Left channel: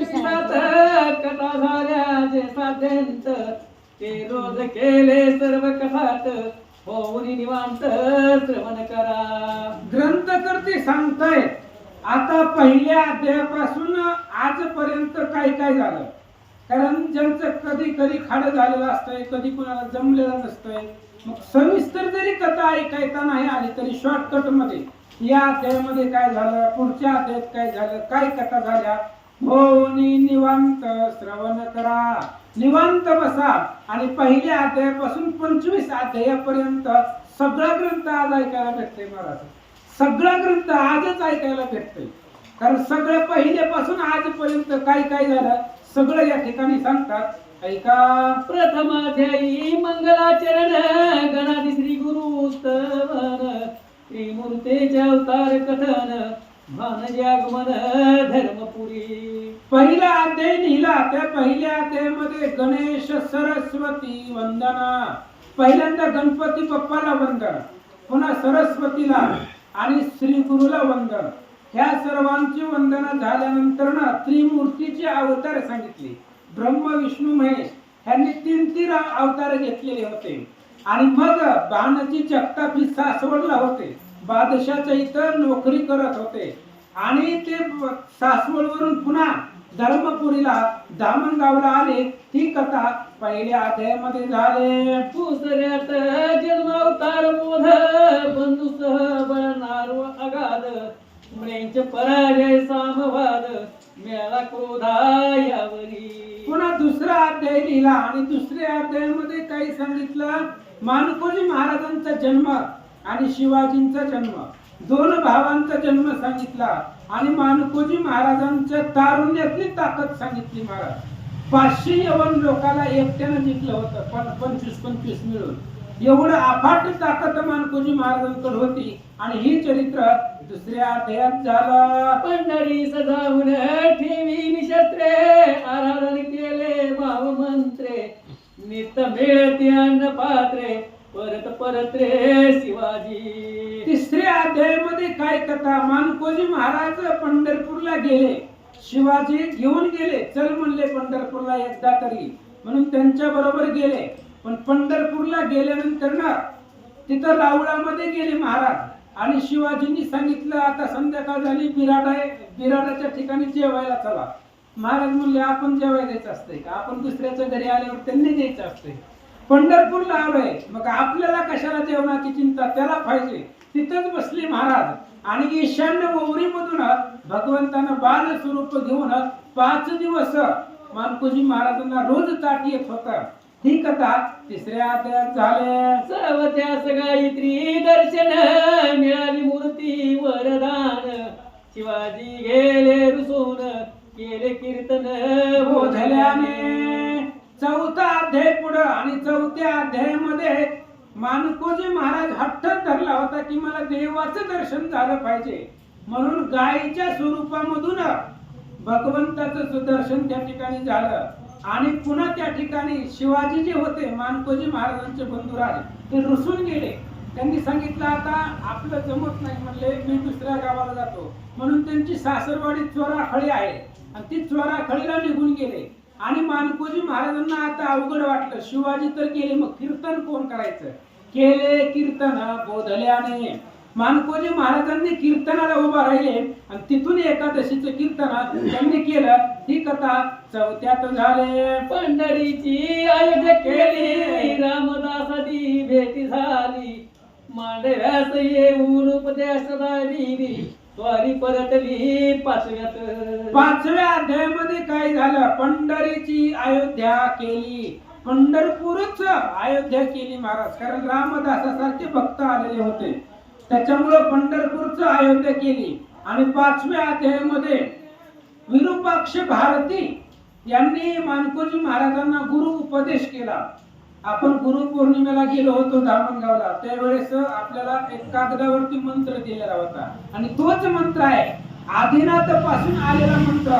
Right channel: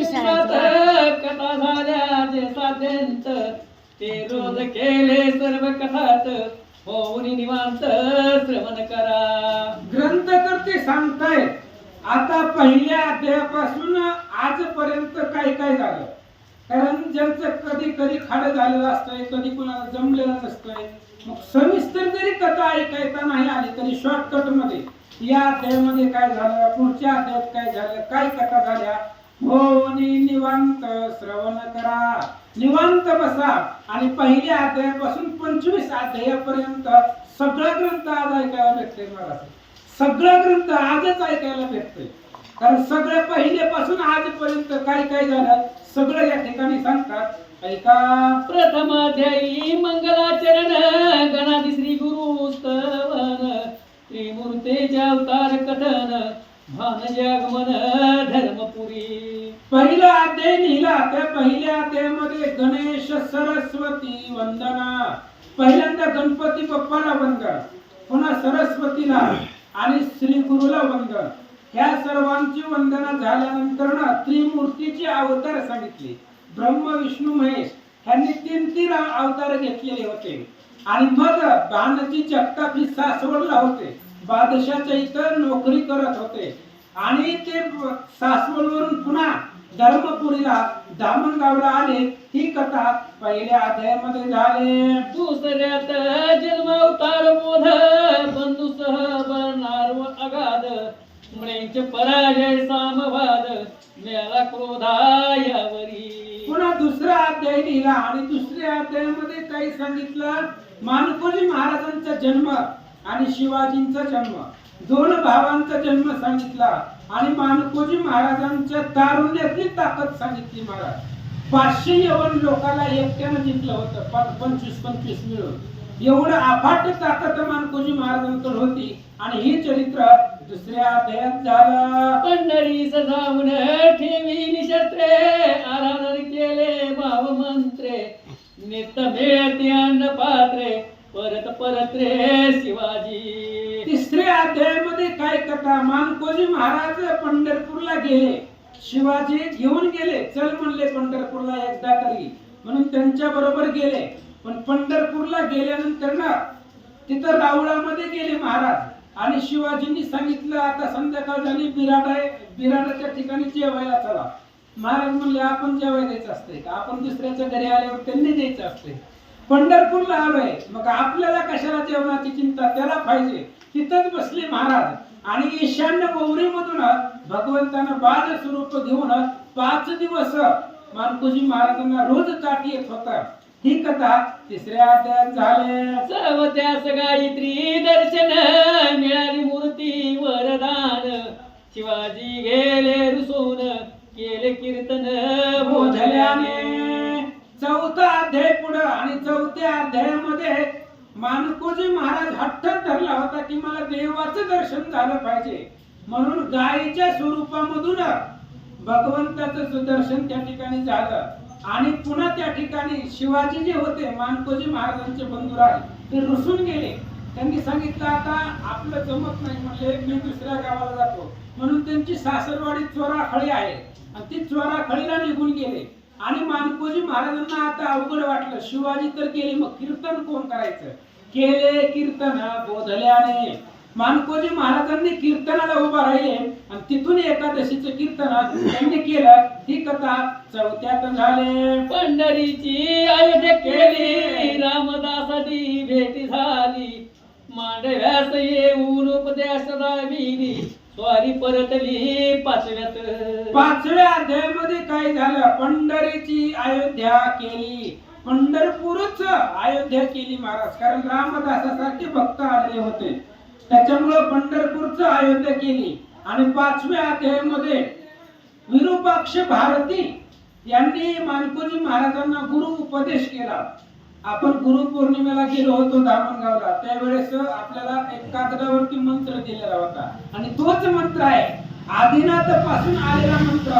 विश्वात कथा झाल्या जे साध्यंत ते रोज केले सर्व कथात होऊन निवांत श्रवण करा ग्रंथकर्ते सांगताय आता पहिल्या अध्यायापासून आजपर्यंत काय काय झालं. कारण ज्यांचं कधी कधी खाडं झालेलं असतंय कधी कुणाला जमलेलं नसतंय मग सविस्तर जरी कथा ऐकायता नाही आली तरी शॉर्टकटमध्ये या अध्यायामध्ये काय झालं पुढच्या अध्यायात काय झालं काय कथा झाल्या हो निवांत श्रवण करा. निवांत बसा. आणि पहिल्या अध्यायापासून पंचवीस अध्यायापर्यंत सगळा ग्रंथ आज ऐकायला भेटते महाराज सगळा ग्रंथ आजच ऐकायला भेटतोय. कारण सगळं पहिल्यापासून आजपर्यंत काय काय झालं सगळं या ठिकाणी सांगतात. ऐका. प्रथम अध्यायी मंगलाचरण गणाधी श्री गुरु स्तवन त्रिमूर्तेचे अवतार कथन भानजे आगमन धर्मपुरी। पहिला अध्याय लिहिला त्या पहिल्या अध्यायामध्ये गणेश सरस्वती वंदना. पहिल्यांदा गणपती बाप्पाला वंदन पुन्हा सरस्वतीला आणि श्री गुरुला वंदन. ह्या सर्वांची वंदना झाल्यानंतर ना त्रिमूर्तीचे अवतार सांगितले. ब्रह्म विष्णू महेश ह्यांनी तीन तीन अवतार घेतलेले होते. आणि मग बाणाची जगताप ही सासवडला होते. बादशाच्या इथं नोकरी करत होते. आणि ते सासवडवरून पुन्हा धर्मपुरीला दामणगावला आले. ही कथा पहिल्या अध्यायामध्ये झाले. दुसऱ्यात जन्म अवतार बोध बंधुसह बळणार व अगाध. मृंच पराजय सामवाद मेला क्रोधा यावरी पुन्हा दुसरा अध्याय लिहिला आणि दुसऱ्या अध्यायामध्ये काही सांगितलं. मानकोजी महाराजांचा जन्म आणि शिवाजींचा जन्म. दोन भावांचा जन्म सांगितला आणि मानकोजी महाराजांच्या तारुण्यातली ताकद सांगितली महाराज. पाचशे यवन लोकाला एकट्यानं जिंकलं होतं पण पंचवीस पंचवीस मिळून. एवढं अफाट ताकद मानकोजी महाराजांकडे होती आणि ही चरित्र दुसऱ्या अध्यायात झाला. पंढरी सजावून ठेवी शस्त्रे आराधन केले भाव मंत्रे नित मिळते अन्न पात्रे परत परत रे अध्यायामध्ये काय कथा? मानकोजी महाराज पंढरपूरला गेले शिवाजी घेऊन गेले. चल म्हणले पंढरपूरला एकदा तरी. म्हणून त्यांच्या बरोबर गेले. पण पंढरपूरला गेल्यानंतर ना तिथं रावळामध्ये गेले महाराज. आणि शिवाजींनी सांगितलं आता संध्याकाळ झाली बिराड आहे. बिराडाच्या ठिकाणी जेवायला चला. महाराज म्हणले आपण जेवायला द्यायचं असतंय का? आपण दुसऱ्याच्या घरी आल्यावर त्यांनी द्यायचं असतंय. पंढरपूरला आलोय. मग आपल्याला कशाला जेवणाची चिंता? त्याला पाहिजे. तिथंच बसले महाराज. आणि ईशान्य मधून भगवंतानं बाल स्वरूप घेऊन पाच दिवस मानकोजी महाराजांना रोज ताट येत होता. ही कथा तिसऱ्या अध्यायात झाली. सर्वत्यास गायत्री दर्शन मिळाली मूर्ती वरदान. शिवाजी गेले रुसून केले कीर्तन बोधल्याने. चौथा अध्याय पुढं आणि चौथ्या अध्यायामध्ये मानकोजी महाराज हट्ट धरला होता की मला देवाचं दर्शन झालं पाहिजे. म्हणून गायीच्या स्वरूपामधून भगवंताचं सुदर्शन त्या ठिकाणी झालं. आणि पुन्हा त्या ठिकाणी शिवाजी जे होते मानकोजी महाराजांचे बंधुराज ते रुसून गेले. त्यांनी सांगितलं आता आपलं जमत नाही म्हणले मी दुसऱ्या गावाला जातो. म्हणून त्यांची सासरवाडी चोराखळी आहे. आणि ती चोराखळीला निघून गेले. आणि मानकोजी महाराजांना आता अवघड वाटलं. शिवाजी तर केले मग कीर्तन कोण करायचं? केले कीर्तन बोधल्याने. मानकोजी महाराजांनी कीर्तनाला उभा राहिले आणि तिथून एकादशीचं कीर्तन त्यांनी केलं. ही कथा चौथ्यात झाले. पंढरीची अयोध्या केली. रामदासाची भेटी झाली. मांडव्यास येऊन उपदेश दाविली स्वारी परतली पाचव्यात. पाचव्या अध्यायामध्ये काय झालं? पंढरीची अयोध्या केली. पंढरपूरच अयोध्या केली महाराज. कारण रामदासासारखे भक्त आलेले होते. त्याच्यामुळं पंढरपूरच अयोध्या केली. आणि पाचव्या अध्यायामध्ये विरूपाक्ष भारती यांनी मानकोजी महाराजांना गुरु उपदेश केला. आपण गुरु पौर्णिमेला गेलो होतो धामणगावला. त्यावेळेस आपल्याला एक कागदावरती मंत्र दिलेला होता. आणि तोच मंत्र आहे आदिनाथपासून आलेला मंत्र.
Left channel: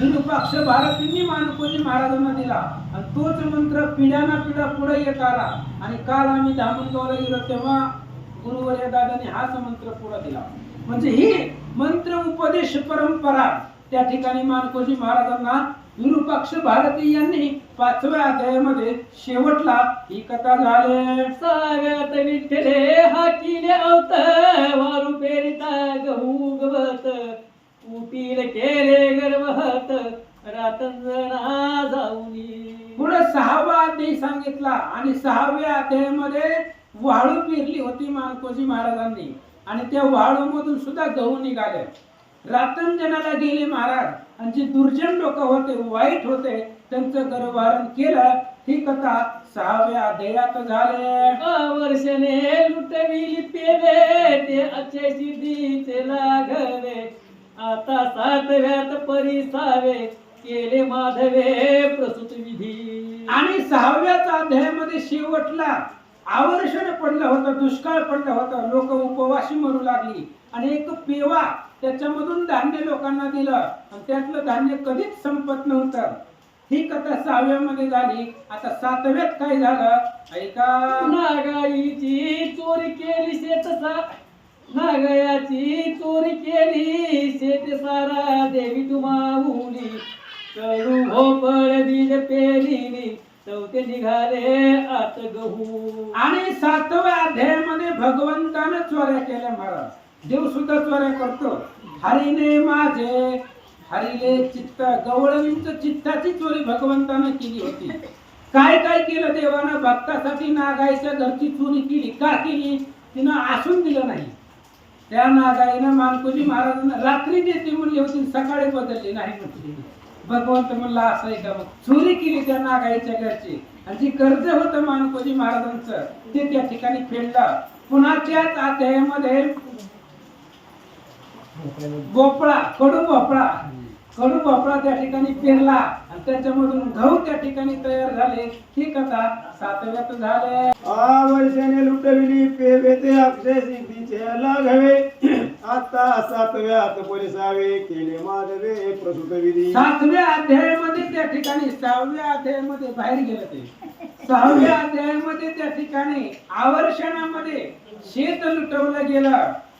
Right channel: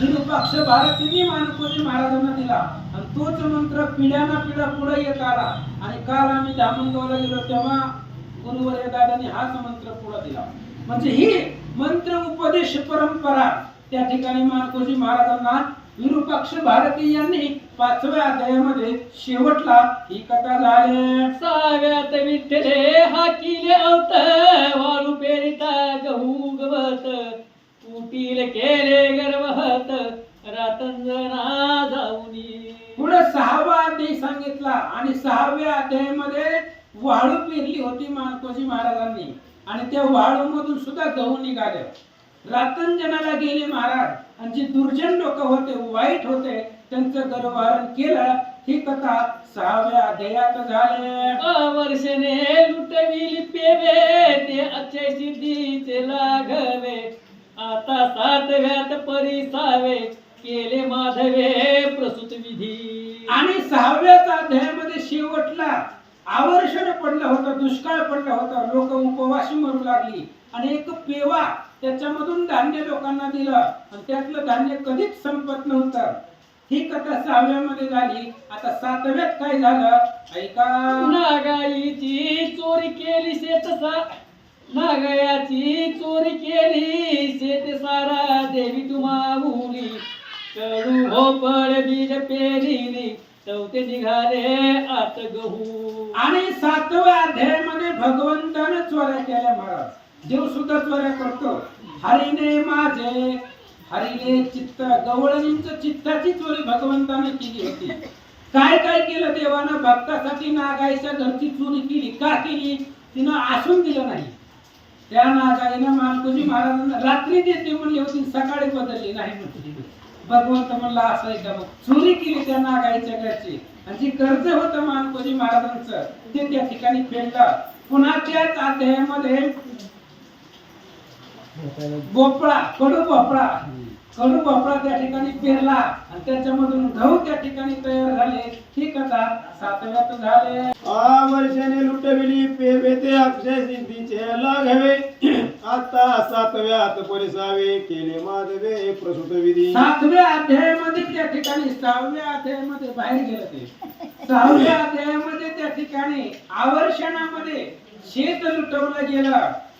निरुपक्ष भारतींनी मानकोजी महाराजांना दिला. आणि तोच मंत्र पिढ्याना पिढ्या पुढे येत आला. आणि काल आम्ही धामणगावला गेलो तेव्हा गुरुवर्य दादाने हाच मंत्र पुढे दिला. म्हणजे ही मंत्र उपदेश परंपरा त्या ठिकाणी मानकोजी महाराजांना विरूपाक्ष भारती यांनी पाचव्या अध्यायामध्ये शेवटला ही कथा झाली. साव्यात विठ्ठले हा किले अवत वारू पेरिता गहू गवत. कुटील केले गर्वहत रातंजना जाऊनी पुढे सहावा अध्याय सांगितला आणि सहाव्या अध्यायामध्ये वाळू पेरली होती मानकोजी महाराजांनी. आणि त्या वाळू मधून सुद्धा गहू निघाले. रातंजनाला गेले महाराज. आणि जे दुर्जन लोक होते वाईट होते त्यांचं गर्भारण केलं ही कथा सहाव्या अध्यायात झाले. वर्षने लुटविली पेवे ते अक्षय सिद्धीचे लाघवे. आता सातव्यात परिसावे केले माधवे प्रसूत विधी. आणि सहाव्याच अध्यायामध्ये शेवटला आवर्षण पडलं होतं दुष्काळ पडलं होतं लोक उपवासी मरू लागली. आणि एक पेवा त्याच्यामधून धान्य लोकांना दिलं. आणि त्यातलं धान्य कधीच संपत नव्हतं. ही कथा सहाव्यामध्ये झाली. आता सातव्यात काय झालं? ऐका. नागाईची चोरी केली शेतसा नागयाची चोरी केली शेत सारा. देवी तुम्हाऊली कडू भोपळ बीज पेरिली चौथे निघाले आत गहू. आणि सातव्या अध्यायामध्ये भगवंतानं चोऱ्या केल्या महाराज. देव सुद्धा चोऱ्या करतो. हरिने माझे हरिने चित्त गवळणींच चित्ताची चोरी भगवंताने केली होती. काय काय केलं देवानं? भक्तासाठी नागाईच्या घरची चोरी केली. का केली? तिनं आसून दिलं नाही. त्या नागाईनं मानकोजी महाराजांना रात्री देते म्हणली होती सकाळी बदलली नाही म्हटली भगवंत म्हणला असं आहे का मग? चोरी केली त्या नागाईच्या घरची. आणि जी कर्ज होतं मानकोजी महाराजांचं ते त्या ठिकाणी फेडलं. पुन्हा त्याच अध्यायामध्ये भोपळा कडू भोपळा. कडू भोपळा त्या ठिकाणी पेरला आणि त्याच्यामधून गहू त्या ठिकाणी तयार झाले. ही कथा सातव्यात झाले. आवर्षाने लुटविली पेवे ते अक्षय सिद्धीचे लाघवे. आता सातव्यात परिसावे केले माधवे प्रसूत विधी. सातव्या अध्यायामध्ये त्या ठिकाणी सहाव्या अध्यायामध्ये बाहेर गेलं ते. सहाव्या अध्यायामध्ये त्या ठिकाणी आवर्षणामध्ये शेत लुटवलं गेलं.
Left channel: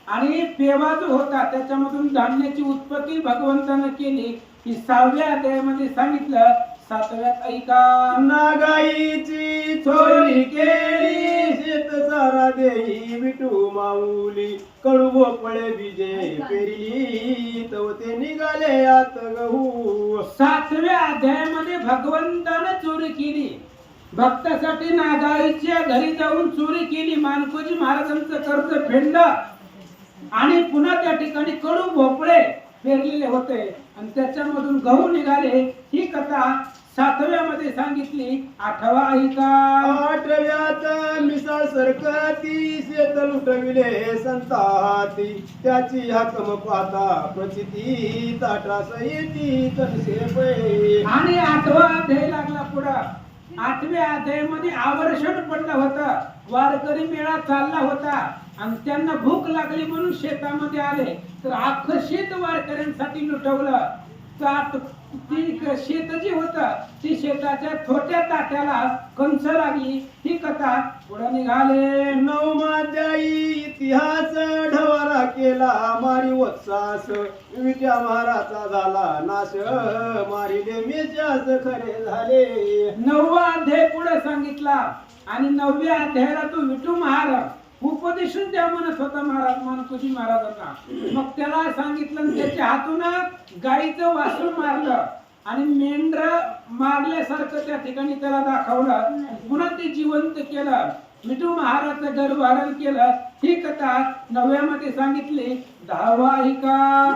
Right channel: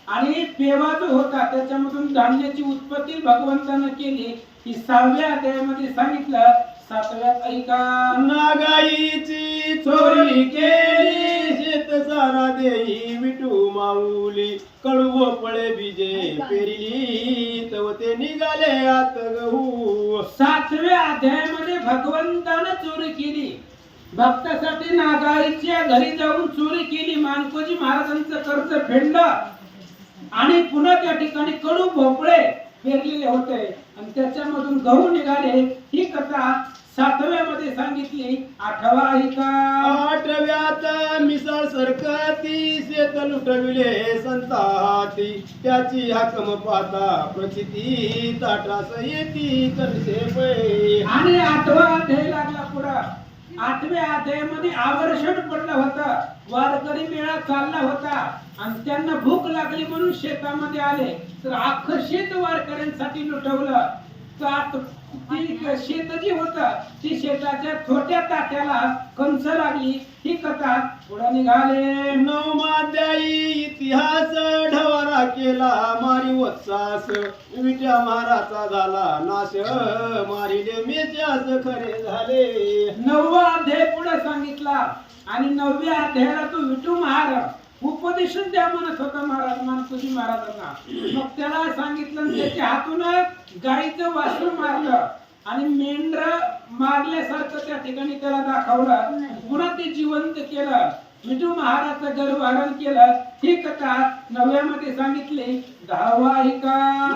आणि पेवा जो होता त्याच्यामधून धान्याची उत्पत्ती भगवंतानं केली. ही सहाव्या अध्यायामध्ये सांगितलं सातव्यात ऐका नागाईची चोरी केली शेत सारा देई विटू माऊली. कडू भोपळे बीजे पेरिली तव ते निघाले आत गहू. सातव्या अध्यायामध्ये भगवंतानं चोरी केली. भक्तासाठी नागाईच्या घरी जाऊन चोरी केली. मानकोजी महाराजांचं कर्ज फेडलं. आणि पुन्हा त्या ठिकाणी कडू भोपळे पेरलेले होते. आणि त्याच्यामधून गहू निघाले. ही कथा सातव्यामध्ये सांगितली. आठवा ऐका आठव्यात मिसळ सरकती शेत लुटविले संताती. त्याची हाकम पाता प्रचिती ताटास येती तनसे पै आणि आठवा अध्याय लागला पुढं. आठव्या अध्यायामध्ये आवर्षण पडलं होतं. वारकरी मेळा चालला होता. आणि त्यांना भूक लागली म्हणून शेतामध्ये आले. तर अख्खं शेत वारकऱ्यांसाठी लुटवलं. ताट ती शेत जी होत ती शेताच्या छोट्या ताट्याला कंस लागली. ही कथा पुढे निघाले. नऊ माध्यायी इतिहास ढवारा केला. मारी वत्सास विट्या महाराचा झाला. नाश मारिले मेच्यास खरे झाले. नववा अध्याय पुढे सांगितला. आणि नवव्या अध्यायाला तो विठू महाराज. उपदेशच द्या म्हणा स्वतः महाराज मानकुजी महाराजांना. मग त्याला सांगितलं त्याच्या हातून गाईचं वासरू मारलं. आणि मेंढर मारल्यासारखं त्या ठिकाणी त्याला दाखवलं. पुन्हा ते जिवंत केलं. विठू महाराजचं गर्भहरण केलं. ही कथा नव्यामध्ये सांगितली. दहावा ही का?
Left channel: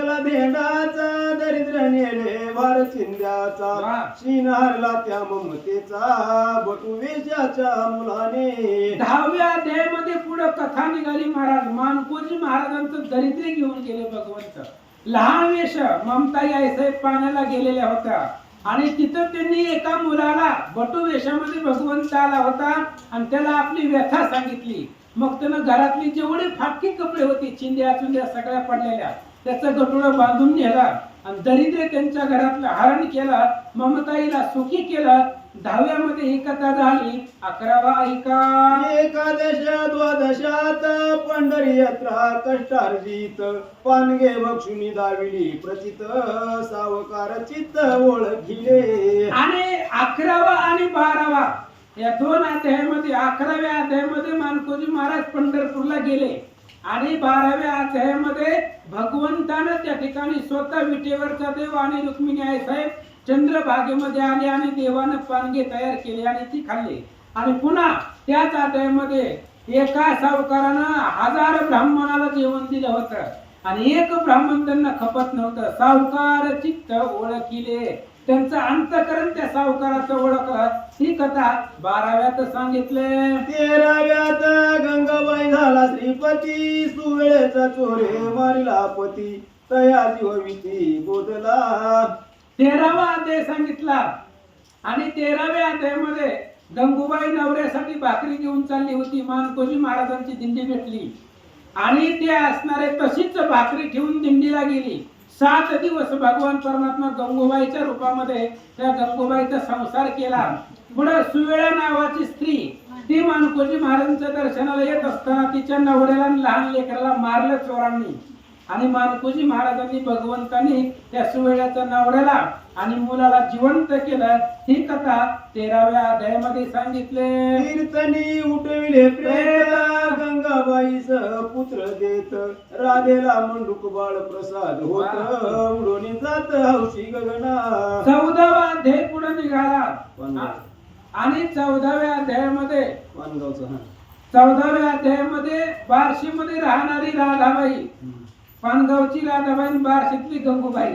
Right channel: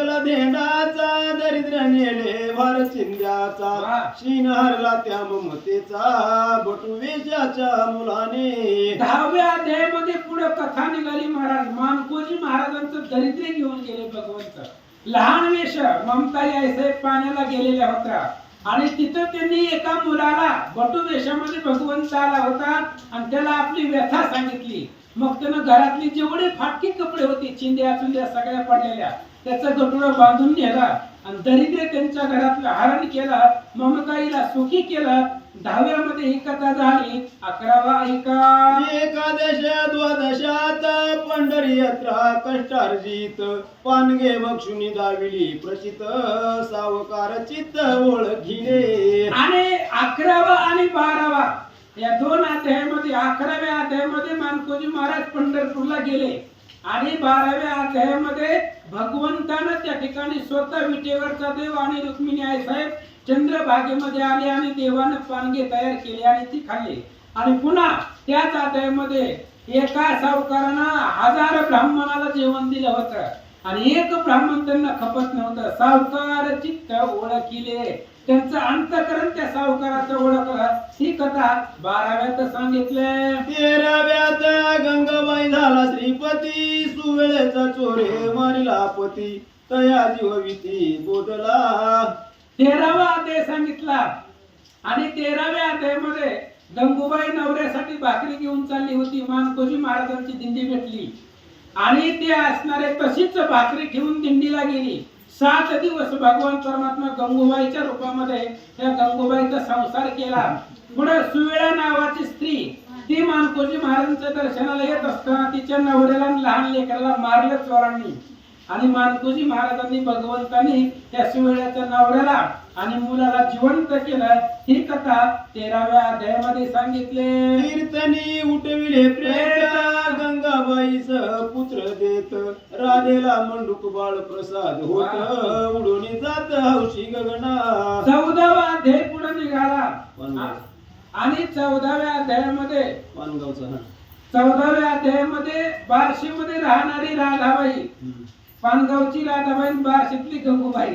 घातला धेंडाचा दरिद्र नेले भार चिंद्याचा वा. शीन हरला त्या ममतेचा बटू वेशाच्या मुलाने. दहाव्या अध्यायामध्ये पुढे कथा निघाली महाराज. मानकोजी महाराजांचं दरिद्र घेऊन गेले भगवंत. लहान वेश ममताई आईसाहेब पाण्याला गेलेल्या होत्या. आणि तिथं त्यांनी एका मुलाला बटू वेशामध्ये भगवंत आला होता आणि त्याला आपली व्यथा सांगितली. मग त्यानं घरातली जेवढी फाटकी कपडे होते चिंद्या चुंद्या सगळ्या पडलेल्या त्याचं गटुडं बांधून नेला आणि दरिद्र त्यांच्या घरातलं हरण केलं ममताईला सुखी केलं. दहाव्यामध्ये ही कथा झाली अकरावा ऐका एकादश द्वादशात पंढरी यात्रा कष्टार्जित पानगे बक्षुनी दाविली प्रचित सावकार चित्त ओळखिले आणि अकरावा आणि बारावा या दोन अध्यायामध्ये अकराव्या अध्यायामध्ये मानकोजी महाराज पंढरपूरला गेले. आणि बाराव्या अध्यायामध्ये भगवंतानं त्या ठिकाणी स्वतः विटेवरचा देव आणि रुक्मिणी आई साहेब. चंद्रभागेमध्ये आले आणि देवानं पानगे तयार केले आणि ती खाल्ली. आणि पुन्हा त्याच आदयामध्ये एका सावकारानं हजार ब्राह्मणाला जेवण दिलं होतं. आणि एक ब्राह्मण त्यांना खपत नव्हतं. सावकार चित्त ओळखिले. त्यांचं अंतकरण त्या सावकाराचं ओळखलं. ही कथा बाराव्यात सांगितले. तेराव्यात गंगाबाई झाला श्रीपती सुवेळेचा चोरे मारिला पती. तया जीवविती बोधला. तेरावा अध्याय सांगितला. आणि तेराव्या अध्यायामध्ये गंगूबाई नवऱ्यासाठी भाकरी घेऊन चालली होती. मानकोजी महाराजांची दिंडी भेटली. आणि ते असणारे तशीच भाकरी ठेवून दिंडीला गेली. सात दिवस भगवान परमात्मा गंगूबाईच्या रूपामध्ये त्या गंगूबाईचा संसार केला. पुढे सुवेळा नावाची स्त्री ती मानकोजी महाराजांच्या दर्शनाला येत असताना तिच्या नवऱ्याला लहान लेकराला मारलं चोरांनी. आणि मानकोजी महाराजांनी भगवंतांनी त्या सुवेळ्याच्या नवऱ्याला आणि मुलाला जिवंत केलं. ही कथा तेराव्या अध्यायामध्ये सांगितले. कीर्तनी उठविले प्रेत गंगाबाईच पुत्र देत. राधेला मंडूक बाळ प्रसाद होत उडून जात हौशी गगना. चौदावा अध्याय पुढे निघाला. आणि चौदाव्या अध्यायामध्ये पानगावचा चौदाव्या अध्यायामध्ये बार्शीमध्ये राहणारी राधाबाई. पानगावची आणि बार्शीतली गंगूबाई.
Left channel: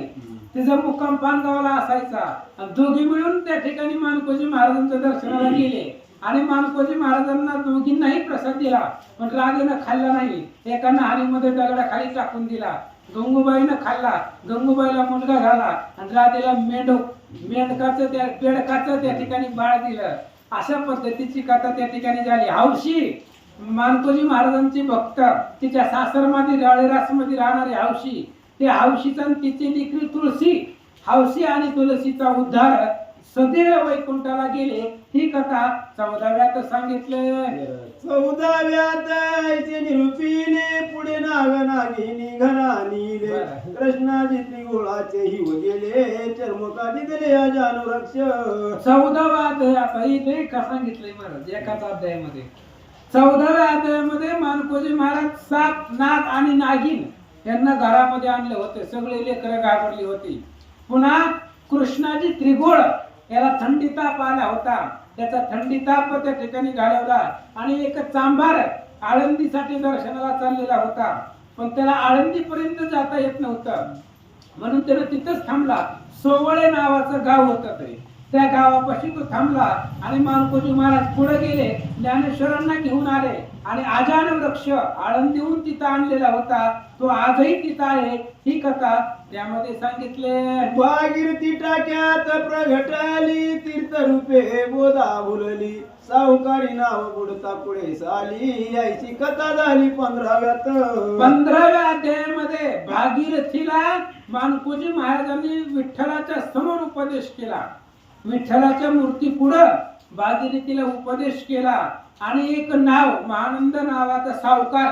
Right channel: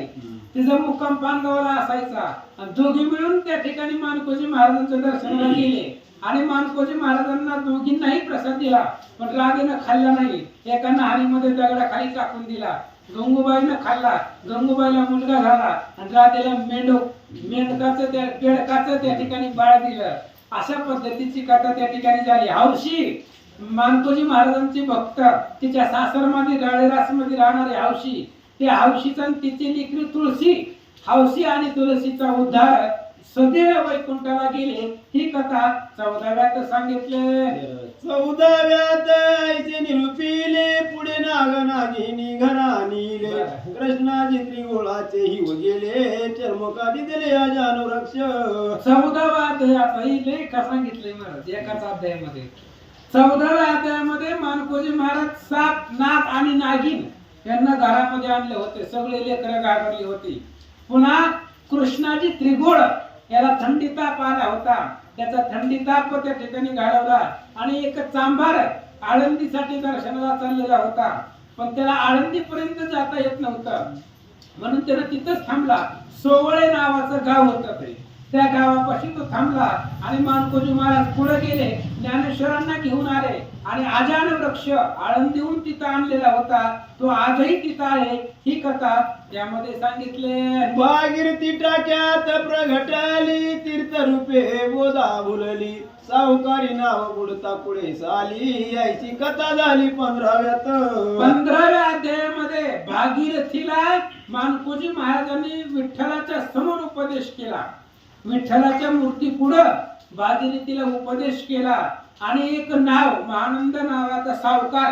तिचा मुक्काम पानगावला असायचा. आणि दोघी मिळून त्या ठिकाणी मानकोजी महाराजांच्या दर्शनाला गेले. आणि मानकोजी महाराजांना दोघींनाही प्रसाद दिला पण राधेनं खाल्ला नाही. एका नाणीमध्ये दगडाखाली टाकून दिला. गंगूबाईनं खाल्ला. गंगूबाईला मुलगा झाला आणि राधेला मेंढो मेंढकाचं त्या बेडकाचं त्या ठिकाणी बाळ दिलं. अशा पद्धतीची कथा त्या ठिकाणी झाली. हौशी! मानकोजी महाराजांची भक्त तिच्या सासरमध्ये मध्ये राहणारी हौशी त्या हौशीचा तिची लेकरी तुळशी हौशी आणि तुळशीचा उद्धार सदैव वैकुंठाला गेले. ही कथा चौदाव्यात सांगितले. चौदाव्यात ऐसे निरुपिले पुढे नाग नागिनी घरा नीले बरं. कृष्णाजी त्रिगुळाचे हिव गेले चर्मकाली दिले अजानुरक्ष चौदावा अध्याय आता ही लय का सांगितलंय महाराज एकाच अध्यायामध्ये. चौदाव्या अध्यायामध्ये मानकोजी महाराज साप नाग आणि नागिन यांना घरामध्ये आणले होते. सगळे लेकरं घाबरली होती. पुन्हा कृष्णाजी त्रिघोळ याला थंडी ताप आला होता. त्याचा थंडी ताप त्या ठिकाणी घालवला आणि एक चांभार आळंदीसाठी दर्शनाला चाललेला होता. पण त्याला आळंदीपर्यंत जाता येत नव्हतं. म्हणून त्यानं तिथंच थांबला. सोवळे नावाचं गाव होतं ते. त्या गावापाशी तो थांबला आणि मानकोजी महाराज पुढे गेले. ज्ञानेश्वरांना घेऊन आले आणि आजान वृक्ष आळंदीहून तिथं आणलेला होता. तो आजही तिथं आहे. ही कथा त्यामध्ये सांगितले. भागीरथी टाक्यात प्रगटाली तीर्थरूपे बोधा भुलली. सावकारी नाव बुडता पुढे साली. यायची कथा झाली पंधराव्यात. पंधराव्या अध्यायामध्ये भागीरथीला मानकोजी महाराजांनी विठ्ठलाच्या समोर उपदेश केला. विठ्ठलाच्या मूर्ती पुढं भागीरथीला उपदेश केला आणि एक नाव महानंद नावाचा सावकार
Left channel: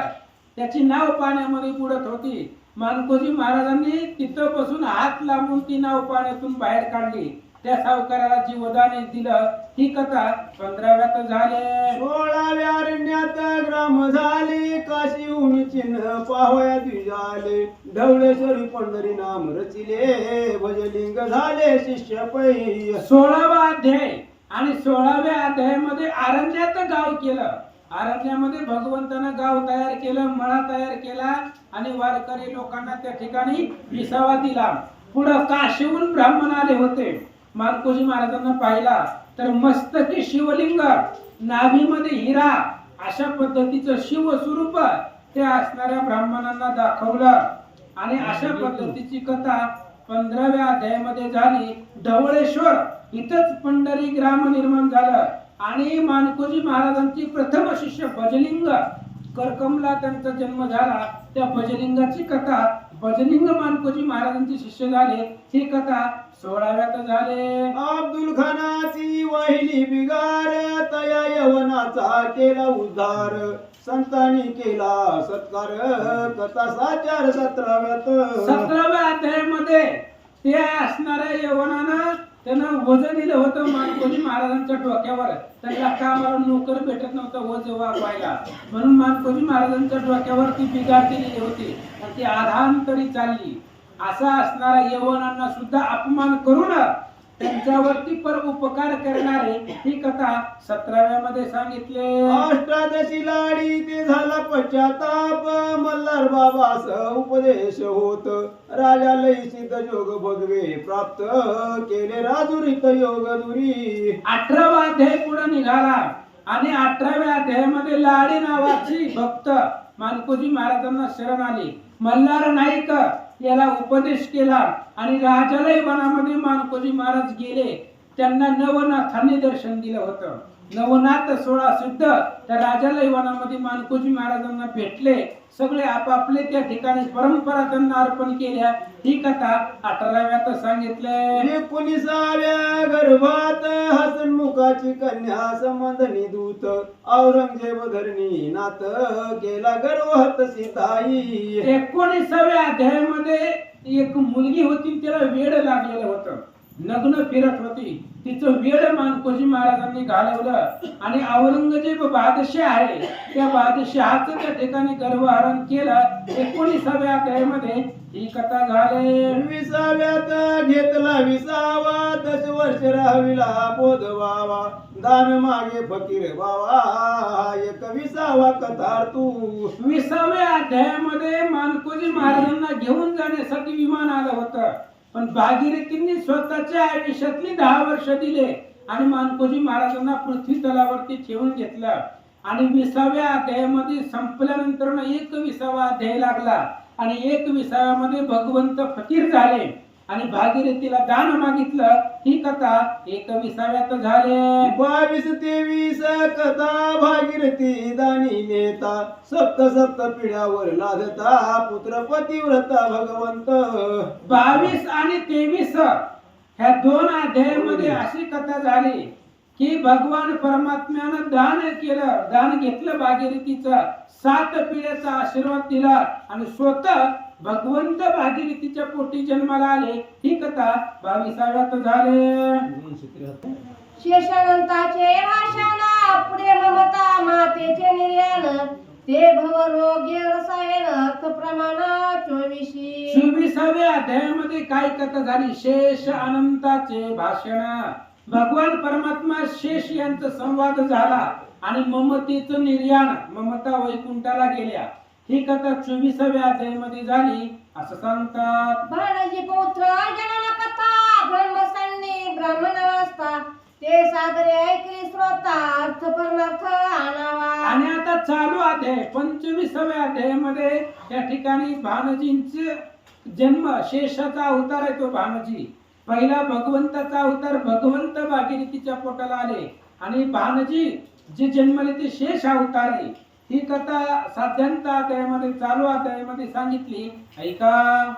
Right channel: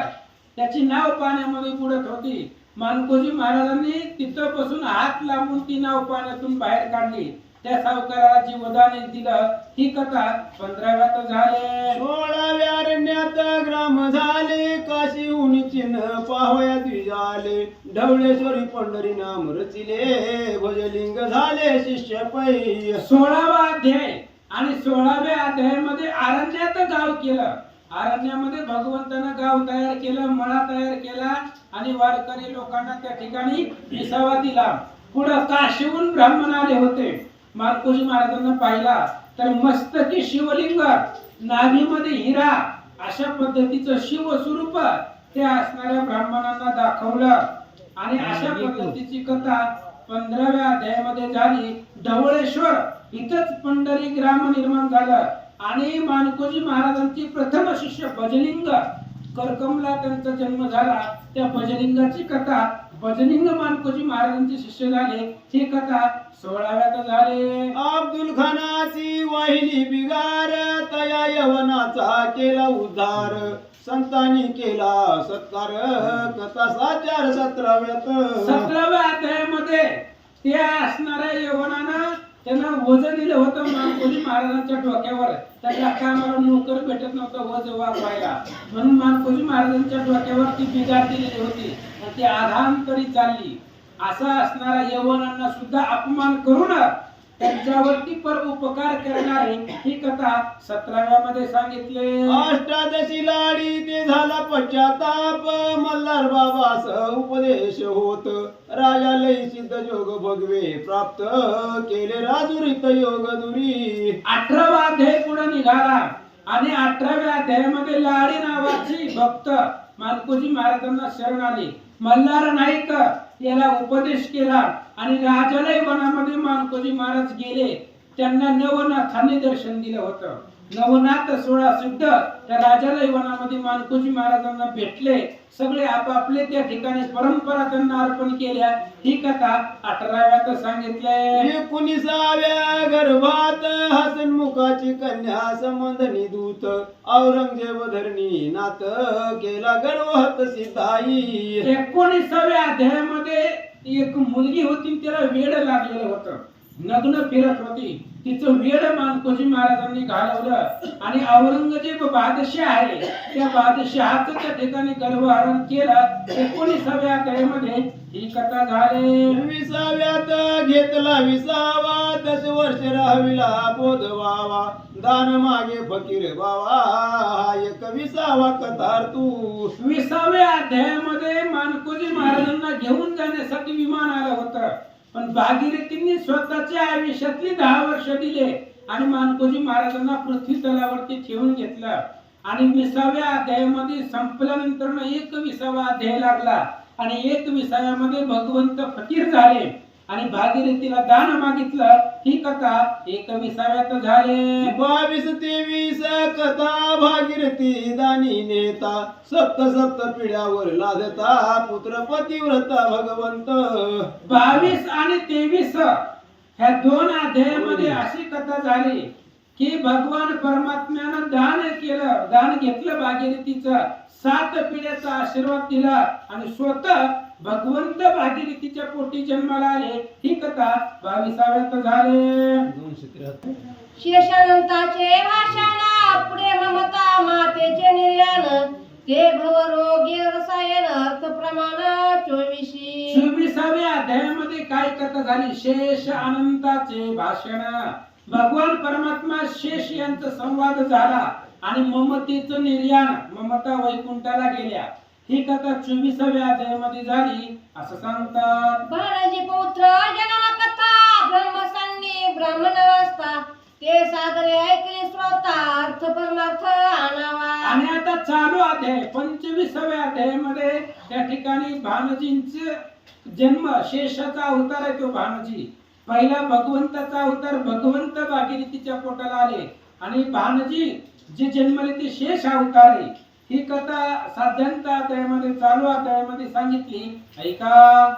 त्याची नाव पाण्यामध्ये बुडत होती. मानकोजी महाराजांनी तिथं बसून हात लांबून ती नाव पाण्यातून बाहेर काढली. त्या सावकाराला जीवदान दिलं. ही कथा पंधराव्यात झाले. सोळाव्या ग्राम झाले. काशी चिन्ह पाहया द्विजाले. ढवळेश्वरी पंढरी नाम रचिले. भजलिंग झाले शिष्य पै सोळावा अध्याय. आणि सोळाव्या अध्यायामध्ये आरण्यात गाव केलं. आरण्यामध्ये भगवंतानं गाव तयार केलं मळा तयार केला. आणि वारकरी लोकांना त्या ठिकाणी विसावा दिला. पुढं काशीहून ब्राह्मण आले होते. मार्कोजी महाराजांना पाहिला. तर मस्तकी शिवलिंग. नाभीमध्ये हिरा. अशा पद्धतीचं शिवस्वरूप त्या असणाऱ्या ब्राह्मणांना दाखवलं. आणि अशा पद्धतीची कथा पंधराव्या अध्यायामध्ये झाली. ढवळेश्वर इथंच पंढरी ग्राम निर्माण झालं. आणि मानकोजी महाराजांची प्रथम शिष्य भजलिंग करकमला त्यांचा जन्म झाला. त्या भजलिंगाची कथा भजलिंग मानकोजी महाराजांचे शिष्य झाले. ही कथा सोळाव्यात झाले. अब्दुल खानाची वाहिली बिगार तया यवनाचा केला उद्धार. संतांनी केला सत्कार कथा साचार सतराव्यात. सतराव्या अध्यायामध्ये त्या असणाऱ्या यवनानं त्यांना वजन दिलं होतं मानकोजी महाराजांच्या डोक्यावर. त्यांना कामाला नोकर भेटत नव्हतं वज वागवायला? म्हणून मानकोजी महाराजांच्या डोक्यावर ती बिगार दिलेली होती आणि ती आधांतरी चालली. असा असणारा यवनांना सुद्धा अपमान करू ना त्यांच्यावरती पर उपकार करणारे ही कथा सतराव्या मध्ये सांगितले. अष्टादशी लाडी ते झाला पश्चाताप. मल्हार बाबास उपदेश होत. राजा लय सिद्ध जोग भगवे प्राप्त केले. राजुरित योग दुरी. अठरावा अध्याय पुढे निघाला. आणि अठराव्या अध्यायामध्ये लाडी नावाची भक्त मानकोजी महाराजांना शरण आली. मल्हार नाईक याला उपदेश केला आणि राजालय वनामध्ये मानकोजी महाराज गेले. त्यांना नवनाथांनी दर्शन दिलं होतं. नवनाथ सोळा सिद्ध त्या राजालय वनामध्ये मानकोजी महाराजांना भेटले. सगळे आपापले त्या ठिकाणी परंपरा त्यांना अर्पण केल्या. ही कथा अठराव्यात सांगितले. एकोणीसाव्या गर्भात हसनमुखाची कन्या संबंध निदूत औरंगजेब धरणी नाथ केला गर्वहत सीताई. एकोणीसाव्या अध्यायामध्ये एक मुलगी होती त्याला वेड लागलेलं होतं. नग्न फिरत होती. तिचं वेड मानकोजी महाराजांनी घालवलं. आणि औरंगजेब बादशाह आहे. त्या बादशहाचं त्या ठिकाणी गर्भहरण केलं. एकोणीसाव्या अध्यायामध्ये ही कथा झाली. विसाव्यात घेतला विसावा दस वर्ष राहाविला बोध व्हावा. दान मागे फकीर बावा एक विसावा कथार तू विसाव्या अध्यायामध्ये मानकोजी महाराजांना घेऊन जाण्यासाठी विमान आलं होतं. पण भागीरथींनी स्वतःच्या आयुष्यातली दहा वर्ष दिले आणि मानकोजी महाराजांना पृथ्वी तलावरती ठेवून घेतलं. आणि विसाव्या अध्यायामध्ये संपल्यानंतर एक विसावा अध्याय लागला. आणि एक विसाव्यामध्ये भगवंत फकीर झाले. आणि भागीरथीला दान मागितलं. ही कथा एक विसाव्यात झाले. बावीस तेवीस कथा भागीरथी दानी नेता सप्त सप्त पिढ्यावर लादता पुत्र पतिव्रता भगवंत. बावीस आणि तेवीस ह्या दोन अध्यायामध्ये अशी कथा झाली की भगवान परमात्म्यानं दान केलं दान घेतलं भागीरथीचं सात पिढ्याचा आशीर्वाद दिला आणि स्वतः भगवंत भागीरथीच्या पोटी जन्माला आले. ही कथा बावीसाव्यात झाले. शेषानंताचे भाषण पुढे ममता मातेचे निर्याण ते भवरोग्य रसायन अर्थ प्रमाण चोवीशी. चोवीसाव्या अध्यायामध्ये काय कथा झाली? शेष अनंताचे भाषण. भगवान परमात्मा शेष यांचा संवाद झाला आणि ममतेचं निर्याण ममता वैकुंठाला गेल्या. ही कथा चोवीसाव्या अध्यायामध्ये झाली असं सांगतात. बाणाजी पौत्र जनन कथा ब्रह्मसन्नी ब्राह्मण अवस्था ते सादरे ऐकले श्रोता अर्थ परमार्थ आणावा. आणि आता चालू अध्याय पंचवीसाव्या अध्यायामध्ये त्या ठिकाणी भानजींचे जन्म शेषाचा अवतार आहे तो भानजी. पहिला भगवंताचा अवतार भगवंत भागीरथीच्या पोटाला आले. आणि भानजी जे जन्मले ते शेष अवतार आहे. ही कथा साध्यांत त्यामध्ये चालू अध्यायामध्ये सांगितली. ऐका.